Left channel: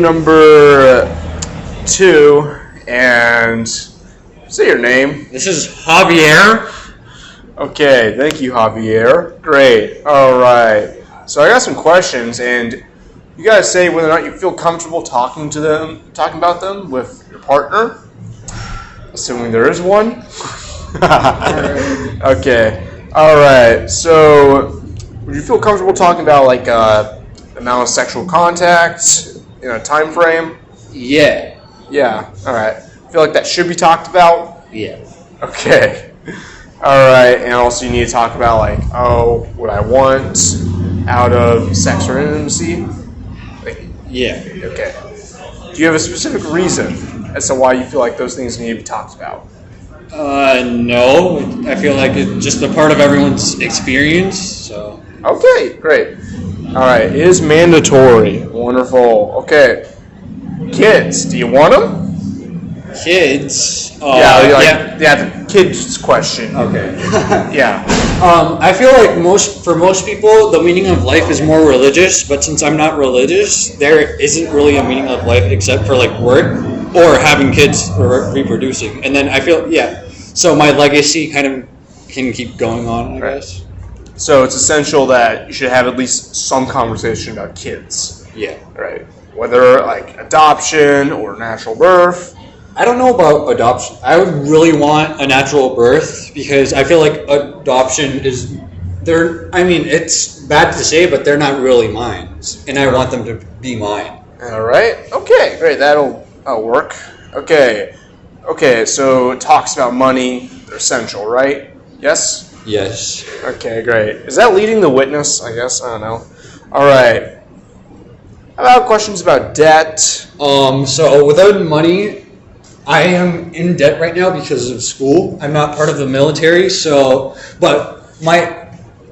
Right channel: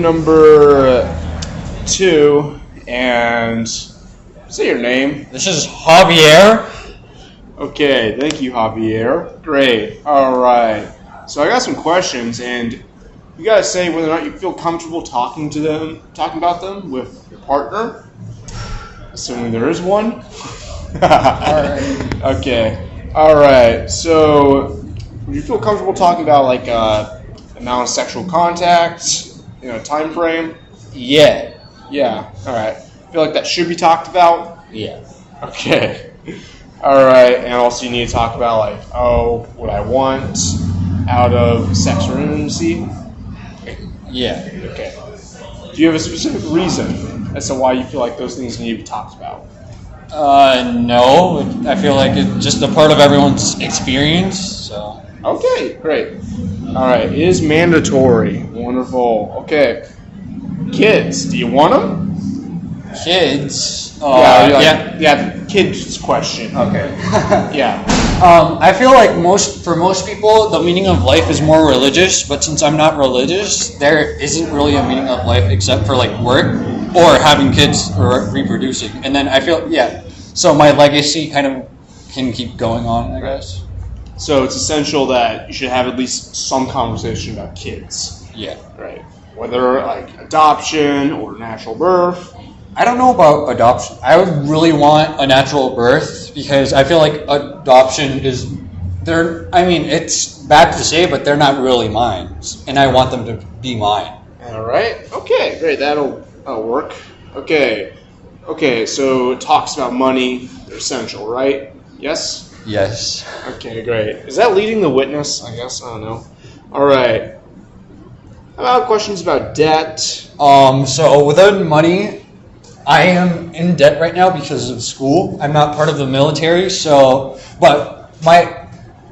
Number 2, and say your name. This is Javier. Okay, thank you, Javier. Great. All right. So I got some questions, and you guys say whether or not you feel comfortable talking about them with your partner, assuming there is one. Okay. All right. So, would you feel comfortable talking about like amount of sexual contact in a time frame? Yeah. Yeah. All right. Feel like that should be talked about? Yeah. Okay. All right. And also, you need to talk about like, what I want out of sex or intimacy. Yeah. Okay. Do you have a specific reason as to why you feel like those things need to be talked about? No. I feel like it's just a part of everyone's experience. So. Okay, great. All right, it is mandatory. Wonderful. Okay. Kids, do you want them? Kids. The kids question. Okay. Yeah. I feel like for most people, the meaning of life is more religious. But since I'm not religious, there isn't really a meaning of life except for like work or having kids or reproducing. And then I feel so my legacy kind of can keep going on, I guess. So it's essential that you should have at least some conversation about kids. Yeah. Right. Whether like adoption or natural birth. I don't know about adoption. I would really want a natural birth because I feel like adoption is it's bad to say, but they're not really mine. And I want them to be mine. All right. Okay, great. That'll work. Okay. So it talks about money. They're essential, right? Yes? Yes. Okay, great. Is that leading the witness? I guess. I don't know. All right. How about questions about debt? So without money, I am in debt right now because of school. I'm not part of the military, but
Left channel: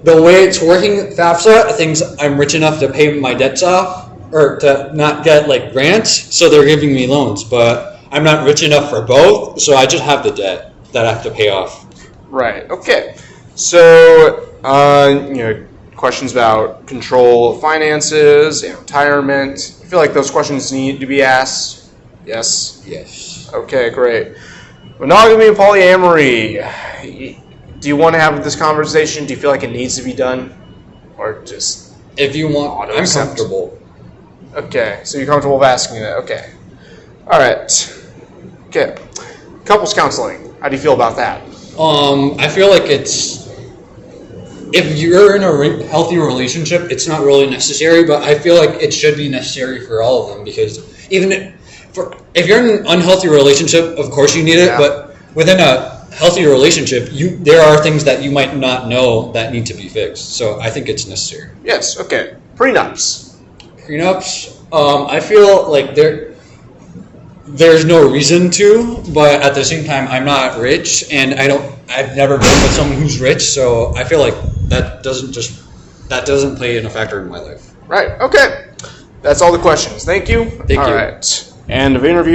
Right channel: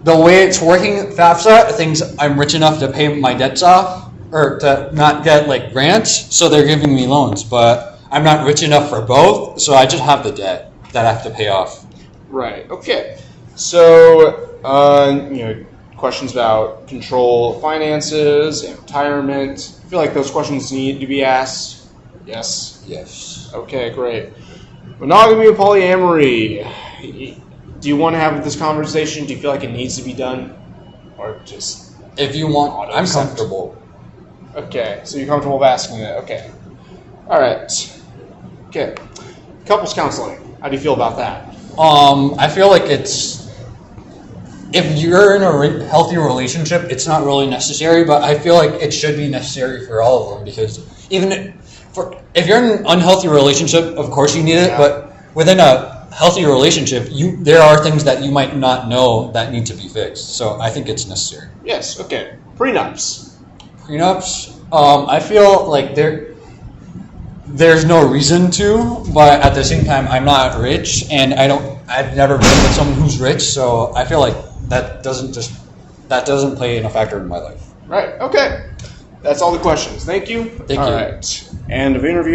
the way it's working, FAFSA, thinks I'm rich enough to pay my debts off or to not get like grants, so they're giving me loans, but I'm not rich enough for both, so I just have the debt that I have to pay off. Right. Okay. So, questions about control of finances and retirement. I feel like those questions need to be asked. Yes? Yes. Okay, great. Monogamy and polyamory. Do you want to have this conversation? Do you feel like it needs to be done? Or just... If you want, I'm comfortable. Okay, so you're comfortable with asking that. Okay. All right. Okay. Couples counseling. How do you feel about that? I feel like if you're in a healthy relationship, it's not really necessary, but I feel like it should be necessary for all of them because if you're in an unhealthy relationship, of course you need it, but within a healthy relationship, there are things that you might not know that need to be fixed. So I think it's necessary. Yes, okay. Prenups. I feel like there's no reason to, but at the same time, I'm not rich, and I've never been with someone who's rich, so I feel like that doesn't play in a factor in my life. Right, okay. That's all the questions. Thank you. Thank you. All right. End of interview.